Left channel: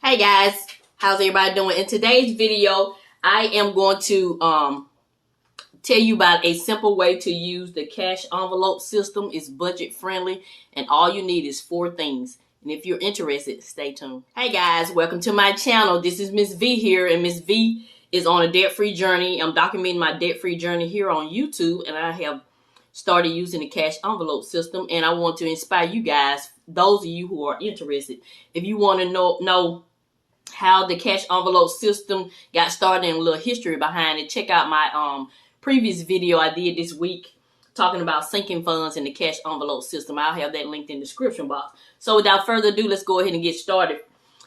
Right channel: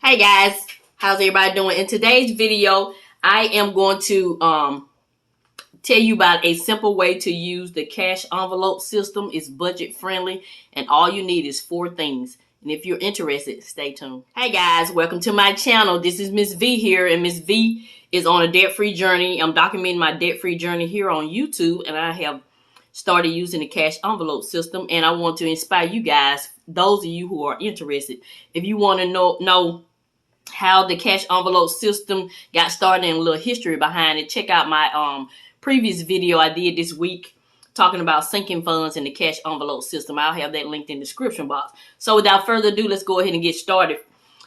Hey guys, how's everybody doing? In today's video, I am going to tell you about a simple way to use the cash envelope system. It's budget friendly and all you need is 4 things. And if you're interested, stay tuned. Hey guys, welcome to my channel. This is Mrs Vee here, and Mrs Vee is on a debt-free journey. I'm documenting my debt-free journey here on YouTube, and I have started using the cash envelope system, and I want to inspire you guys, those of you who are interested. If you want to know how the cash envelope system got started and a little history behind it, check out my previous video I did this week talking about sinking funds in the cash envelope system. I'll have that linked in the description box. So without further ado, let's go ahead and get started.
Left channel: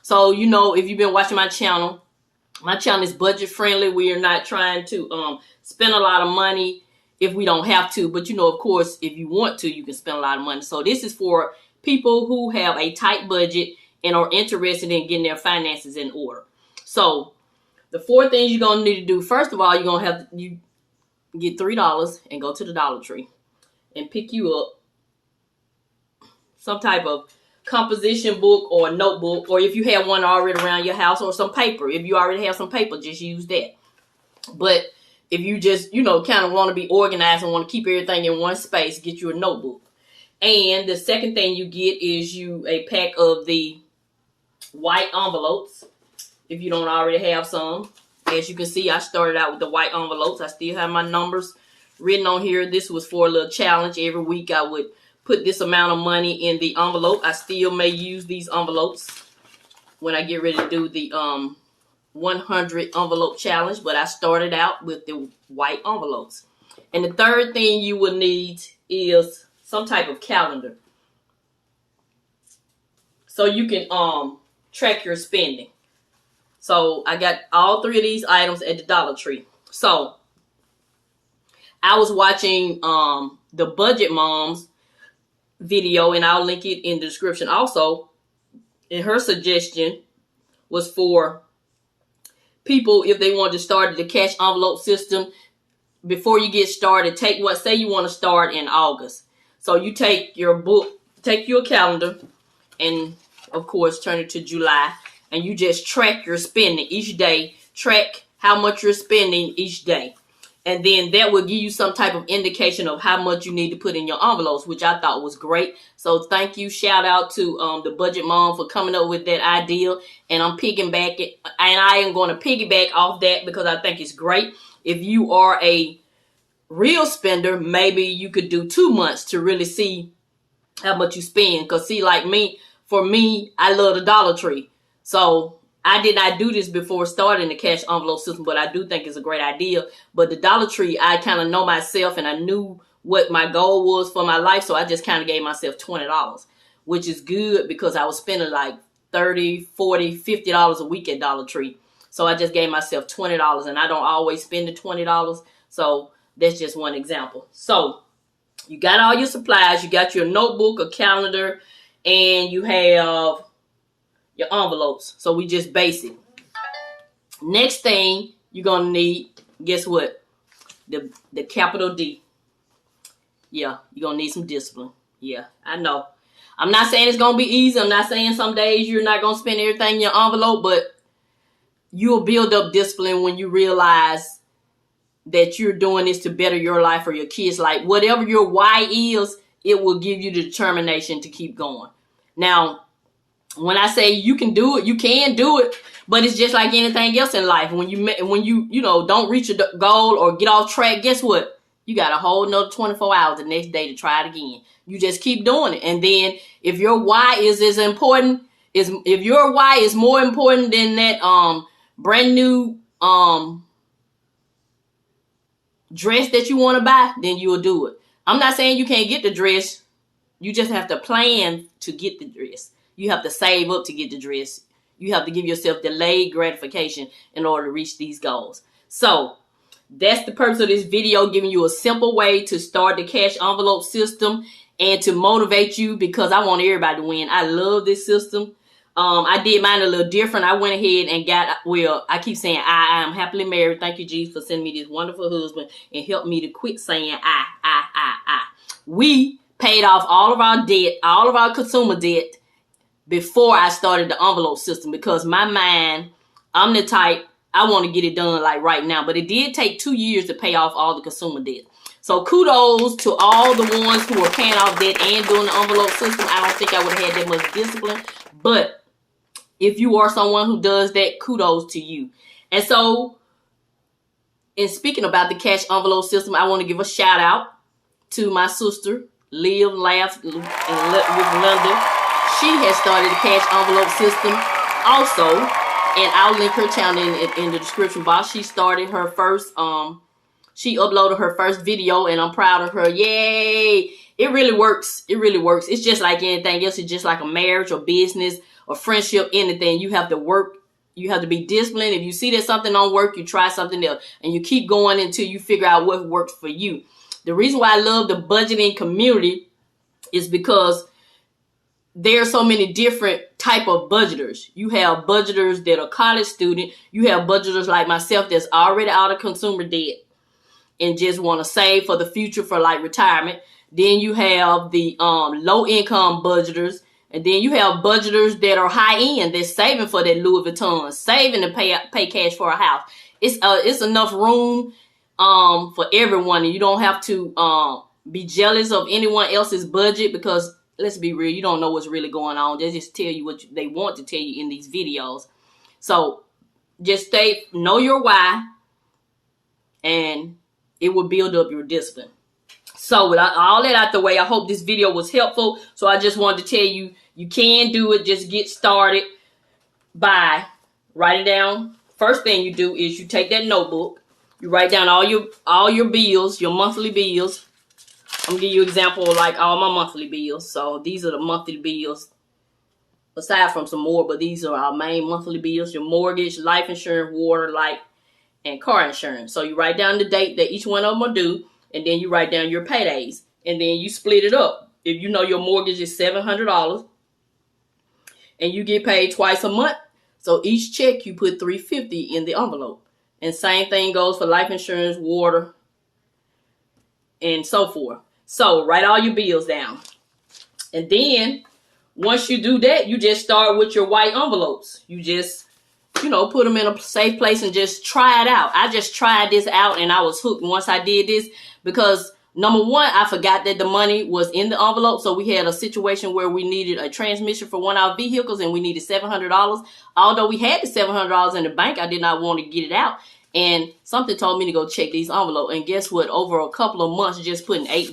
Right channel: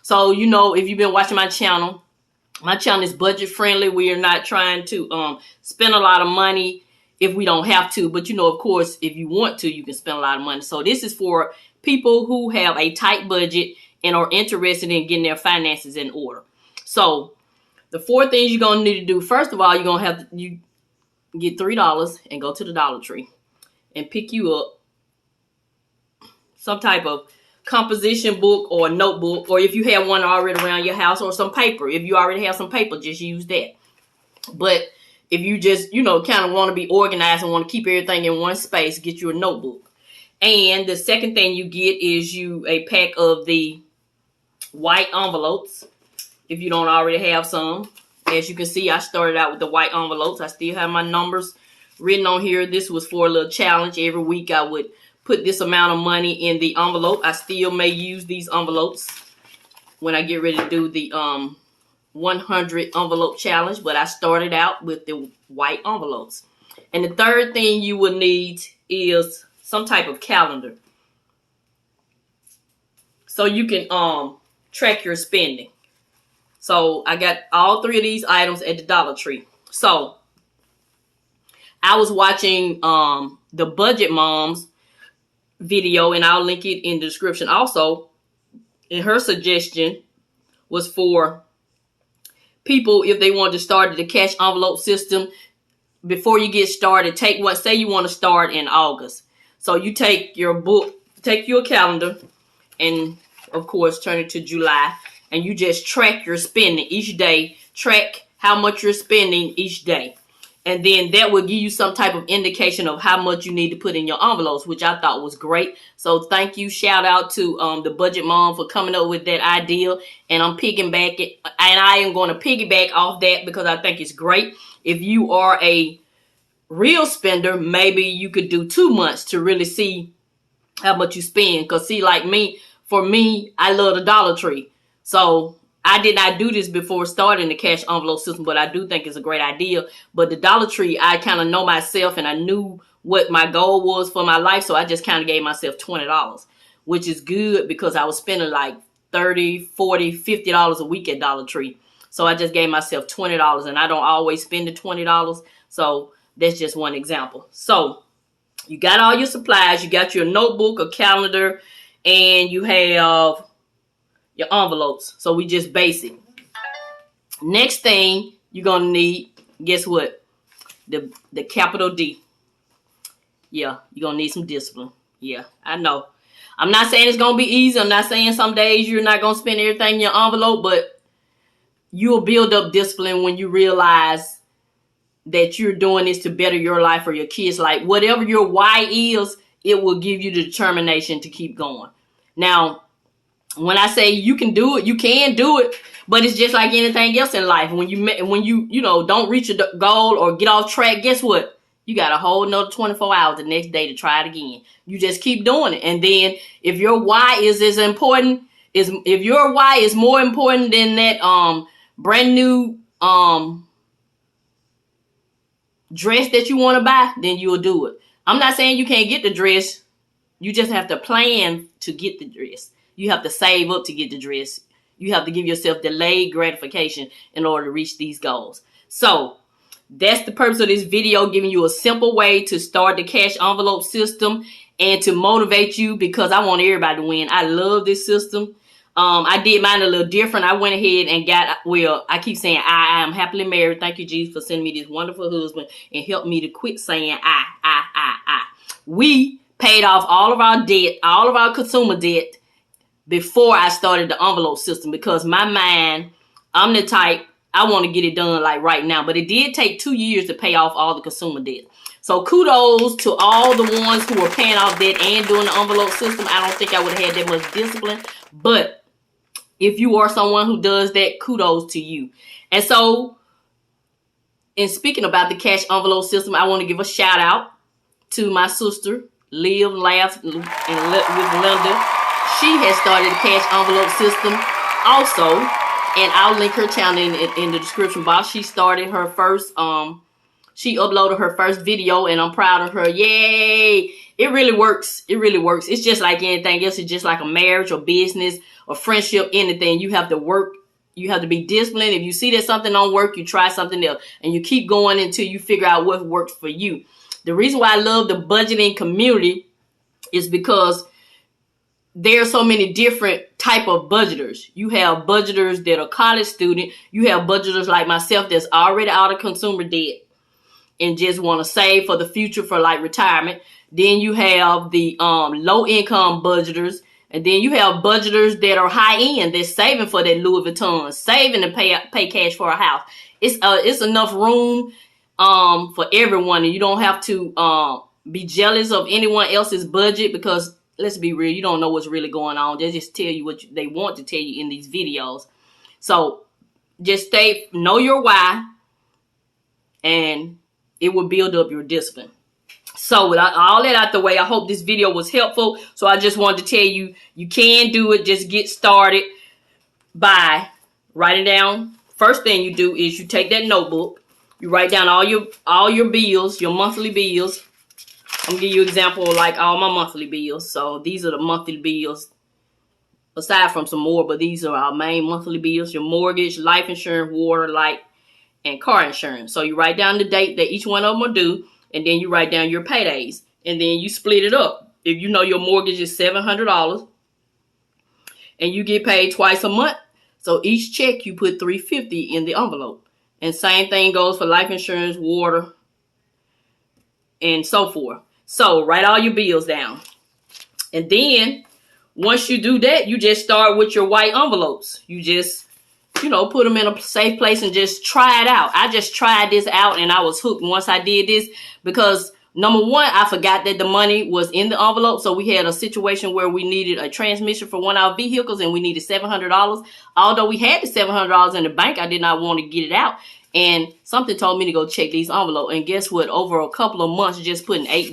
So, you know, if you've been watching my channel is budget friendly. We are not trying to spend a lot of money if we don't have to, but you know, of course, if you want to, you can spend a lot of money. So this is for people who have a tight budget and are interested in getting their finances in order. So the 4 things you're going to need to do. First of all, you're going to have to get $3 and go to the Dollar Tree and pick you up some type of composition book or notebook, or if you have one already around your house, or some paper. If you already have some paper, just use that. But if you just, you know, kind of want to be organized and want to keep everything in one space, get you a notebook. And the second thing you get is a pack of the white envelopes, if you don't already have some. As you can see, I started out with the white envelopes. I still have my numbers written on here. This was for a little challenge. Every week I would put this amount of money in the envelope. I still may use these envelopes when I get ready to do the 100 envelope challenge, but I started out with the white envelopes. And the third thing you will need is some type of calendar, so you can track your spending. So I got all 3 of these items at the Dollar Tree. So I was watching the Budget Mom's video, and I'll link it in the description also. And her suggestion was for people, if they wanted to start the cash envelope system, before you get started, say you want to start in August. So you take your book, take your calendar, and of course turn it to July, and you just track your spending each day. Track how much you're spending each day. And then that will give you some type of indication of how much you need to put in your envelopes, which I thought was great. So thank you. Shout out to the Budget Mom for coming up with that idea. And I'm piggybacking, and I am going to piggyback off that because I think it's great. If you are a real spender, maybe you could do 2 months to really see how much you spend. Because see, like me, for me, I love the Dollar Tree. So I did not do this before starting the cash envelope system, but I do think it's a great idea. But the Dollar Tree, I kind of know myself, and I knew what my goal was for my life. So I just kind of gave myself $20, which is good because I was spending like $30, $40, $50 a week at Dollar Tree. So I just gave myself $20, and I don't always spend the $20. So that's just one example. So you got all your supplies. You got your notebook, a calendar, and you have your envelopes. So we just basic. Next thing you're gonna need, guess what? The capital D. Yeah, you're gonna need some discipline. Yeah, I know. I'm not saying it's gonna be easy. I'm not saying some days you're not gonna spend everything in your envelope, but you'll build up discipline when you realize that you're doing this to better your life or your kids' life. Whatever your why is, it will give you the determination to keep going. Now, when I say you can do it, you can do it, but it's just like anything else in life. When you don't reach a goal or get off track, guess what? You got a whole nother 24 hours the next day to try it again. You just keep doing it. And then if your why is as important, if your why is more important than that brand new dress that you want to buy, then you'll do it. I'm not saying you can't get the dress. You just have to plan to get the dress. You have to save up to get the dress. You have to give yourself delayed gratification in order to reach these goals. So that's the purpose of this video, giving you a simple way to start the cash envelope system and to motivate you, because I want everybody to win. I love this system. I did mine a little different. I went ahead and got, well, I keep saying I am happily married. Thank you, Jesus, for sending me this wonderful husband and help me to quit saying I. We paid off all of our debt, all of our consumer debt before I started the envelope system, because my mind, I'm the type, I want to get it done like right now. But it did take 2 years to pay off all the consumer debt. So kudos to all the ones who are paying off debt and doing the envelope system. I don't think I would have had that much discipline. But if you are someone who does that, kudos to you. And so, in speaking about the cash envelope system, I want to give a shout out to my sister, Live Laughs with Linda. She has started the cash envelope system also, and I'll link her channel in the description box. She started her first, she uploaded her first video, and I'm proud of her. Yay! It really works. It really works. It's just like anything else. It's just like a marriage or business or friendship, anything. You have to work. You have to be disciplined. If you see that something don't work, you try something else, and you keep going until you figure out what works for you. The reason why I love the budgeting community is because there are so many different type of budgeters. You have budgeters that are college student. You have budgeters like myself that's already out of consumer debt and just want to save for the future for like retirement. Then you have the low income budgeters. And then you have budgeters that are high end, that's saving for that Louis Vuitton, saving to pay cash for a house. It's enough room for everyone, and you don't have to be jealous of anyone else's budget, because let's be real, you don't know what's really going on. They just tell you what they want to tell you in these videos. So just know your why, and it will build up your discipline. So with all that out the way, I hope this video was helpful. So I just wanted to tell you, you can do it. Just get started by writing down. First thing you do is you take that notebook. You write down all your bills, your monthly bills. I'm gonna give you an example of like all my monthly bills. So these are the monthly bills, aside from some more, but these are our main monthly bills. Your mortgage, life insurance, water, light, and car insurance. So you write down the date that each one of them are due. And then you write down your paydays. And then you split it up. If you know your mortgage is $700 and you get paid twice a month, so each check you put $350 in the envelope. And same thing goes for life insurance, water, and so forth. So write all your bills down. And then once you do that, you just start with your white envelopes. You just, put them in a safe place and just try it out. I just tried this out and I was hooked once I did this, because number one, I forgot that the money was in the envelope. So we had a situation where we needed a transmission for one of our vehicles and we needed $700. Although we had the $700 in the bank, I did not want to get it out. And something told me to go check these envelopes. And guess what? Over a couple of months, just putting $8,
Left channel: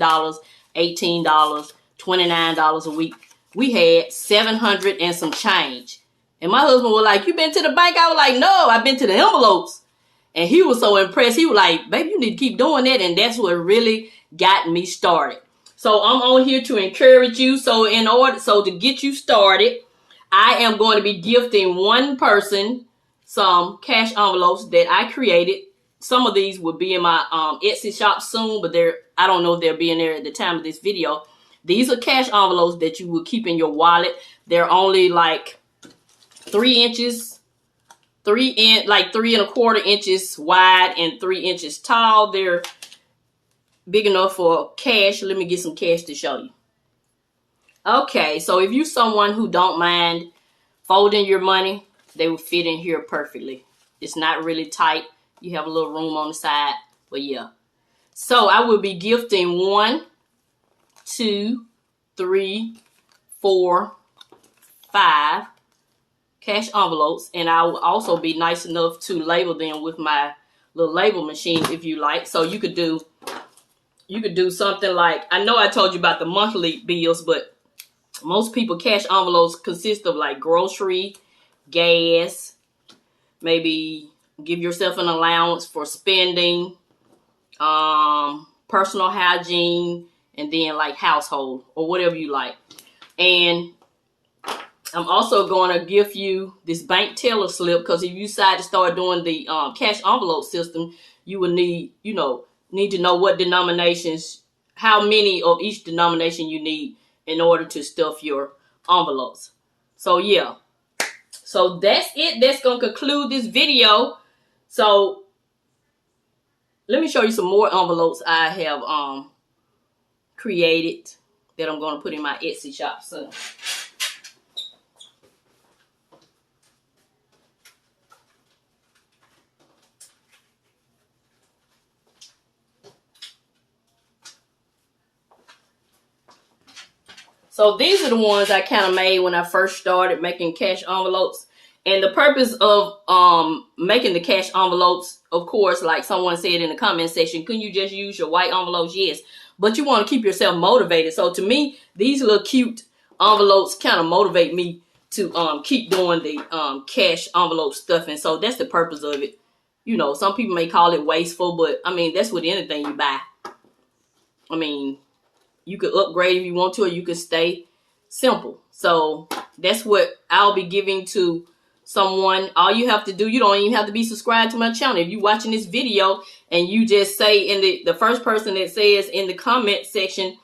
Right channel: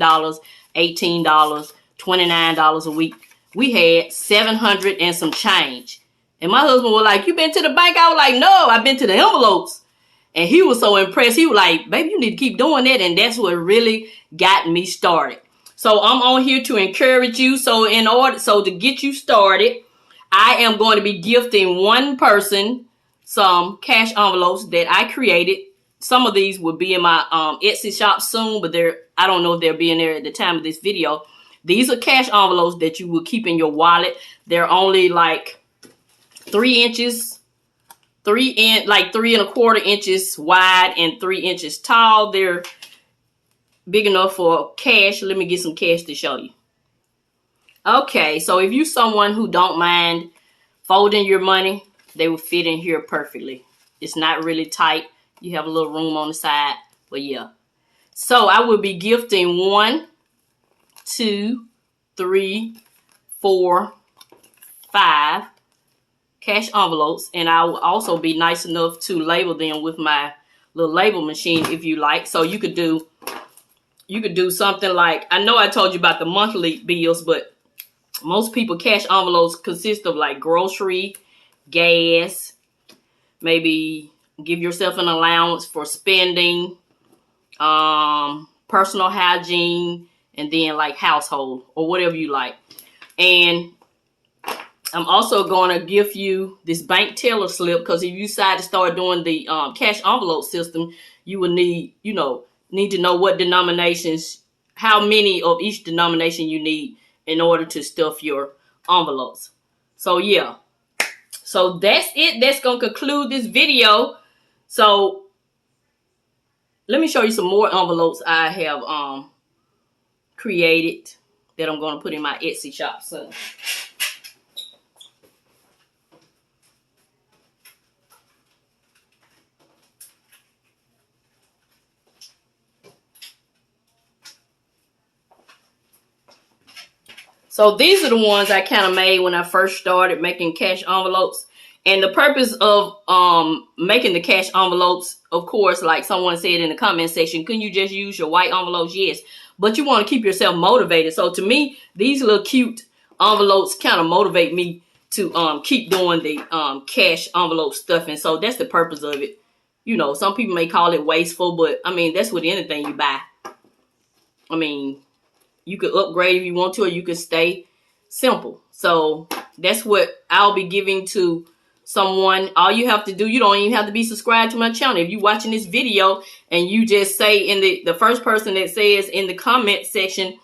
$18, $29 a week, we had $700 and some change. And my husband was like, "You been to the bank?" I was like, "No, I've been to the envelopes." And he was so impressed. He was like, "Baby, you need to keep doing that." And that's what really got me started. So I'm on here to encourage you. So to get you started, I am going to be gifting one person some cash envelopes that I created. Some of these will be in my Etsy shop soon, but I don't know if they'll be in there at the time of this video. These are cash envelopes that you will keep in your wallet. They're only like 3 inches, 3¼ inches wide and 3 inches tall. They're big enough for cash. Let me get some cash to show you. Okay, so if you're someone who don't mind folding your money, they will fit in here perfectly. It's not really tight. You have a little room on the side, but yeah. So I will be gifting 1, 2, 3, 4, 5 cash envelopes, and I will also be nice enough to label them with my little label machine if you like. So you could do something like, I know I told you about the monthly bills, but most people cash envelopes consist of like grocery, gas, maybe give yourself an allowance for spending, personal hygiene, and then like household or whatever you like. And I'm also going to give you this bank teller slip, because if you decide to start doing the cash envelope system, you will need to know what denominations, how many of each denomination you need in order to stuff your envelopes. So yeah. So that's it. That's going to conclude this video. So let me show you some more envelopes I have created that I'm going to put in my Etsy shop soon. So these are the ones I kind of made when I first started making cash envelopes. And the purpose of making the cash envelopes, of course, like someone said in the comment section, couldn't you just use your white envelopes? Yes. But you want to keep yourself motivated. So to me, these little cute envelopes kind of motivate me to keep doing the cash envelope stuffing. So that's the purpose of it. You know, some people may call it wasteful, but I mean, that's with anything you buy. I mean, you could upgrade if you want to, or you could stay simple. So that's what I'll be giving to someone. All you have to do, you don't even have to be subscribed to my channel. If you're watching this video and you just say in the first person that says in the comment section,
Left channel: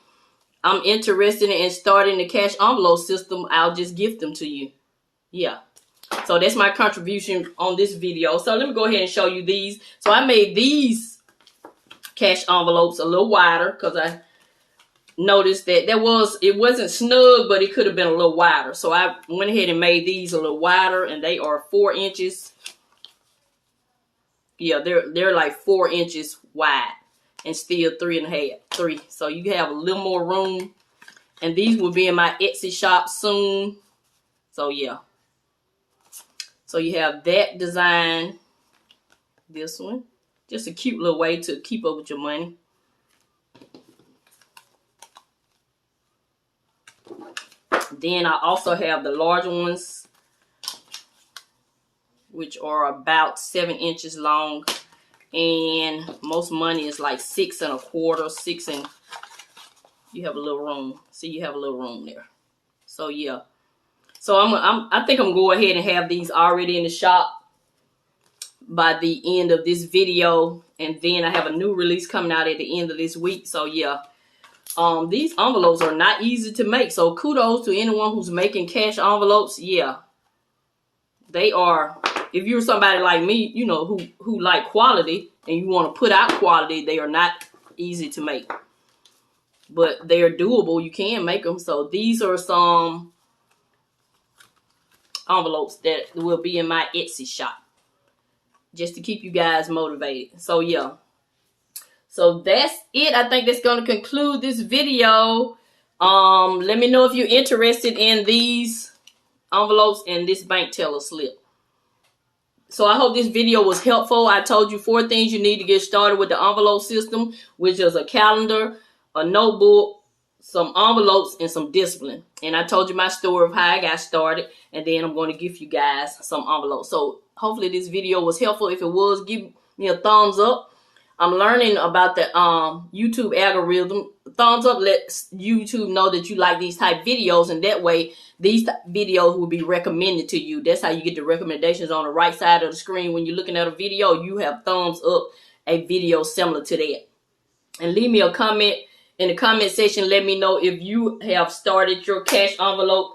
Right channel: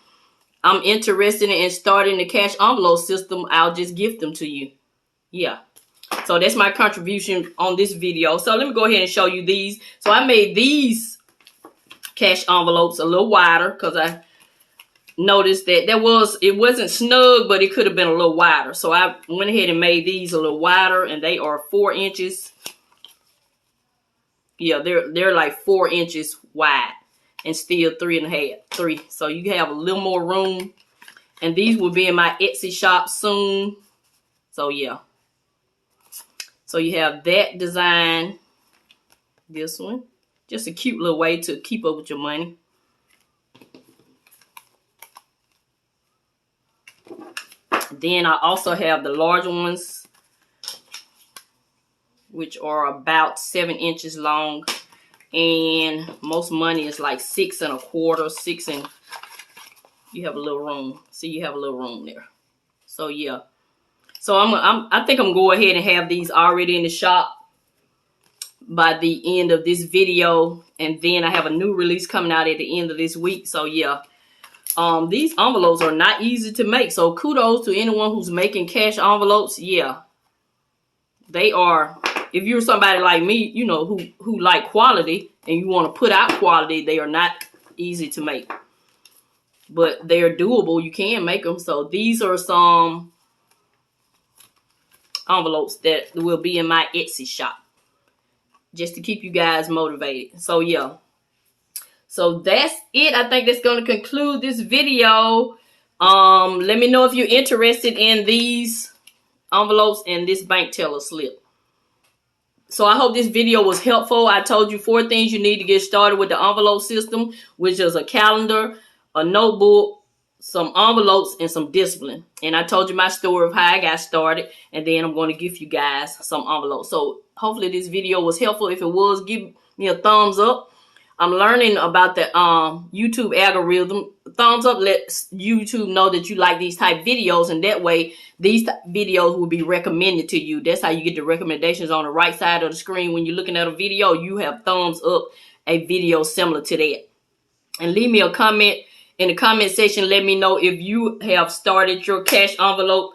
I'm interested in starting the cash envelope system, I'll just gift them to you. Yeah. So that's my contribution on this video. So let me go ahead and show you these. So I made these cash envelopes a little wider because I noticed that it wasn't snug, but it could have been a little wider. So I went ahead and made these a little wider, and they are 4 inches. Yeah, they're like 4 inches wide and still 3.5. So you have a little more room. And these will be in my Etsy shop soon. So yeah. So you have that design. This one. Just a cute little way to keep up with your money. Then I also have the larger ones, which are about 7 inches long. And most money is like 6 1/4, 6 and you have a little room. See, you have a little room there. So yeah. So I think I'm going to go ahead and have these already in the shop by the end of this video. And then I have a new release coming out at the end of this week. So yeah. These envelopes are not easy to make. So kudos to anyone who's making cash envelopes. Yeah. They are, if you're somebody like me, you know, who like quality and you want to put out quality, they are not easy to make. But they are doable. You can make them. So these are some envelopes that will be in my Etsy shop, just to keep you guys motivated. So yeah. So that's it. I think that's going to conclude this video. Let me know if you're interested in these envelopes and this bank teller slip. So I hope this video was helpful. I told you 4 things you need to get started with the envelope system, which is a calendar, a notebook, some envelopes, and some discipline. And I told you my story of how I got started, and then I'm going to give you guys some envelopes. So hopefully this video was helpful. If it was, give me a thumbs up. I'm learning about the YouTube algorithm. Thumbs up lets YouTube know that you like these type videos, and that way these videos will be recommended to you. That's how you get the recommendations on the right side of the screen. When you're looking at a video, you have thumbs up a video similar to that. And leave me a comment in the comment section. Let me know if you have started your cash envelope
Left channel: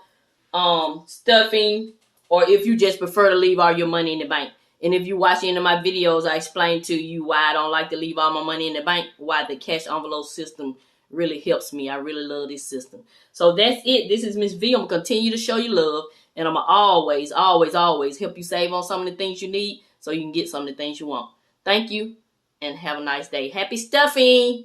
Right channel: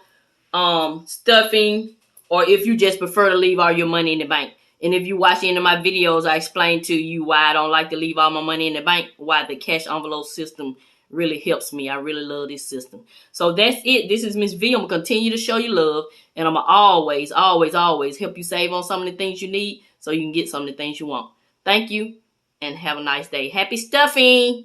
stuffing, or if you just prefer to leave all your money in the bank. And if you watch any of my videos, I explain to you why I don't like to leave all my money in the bank, why the cash envelope system really helps me. I really love this system. So that's it. This is Miss V. I'm going to continue to show you love. And I'm going to always, always, always help you save on some of the things you need so you can get some of the things you want. Thank you and have a nice day. Happy stuffing!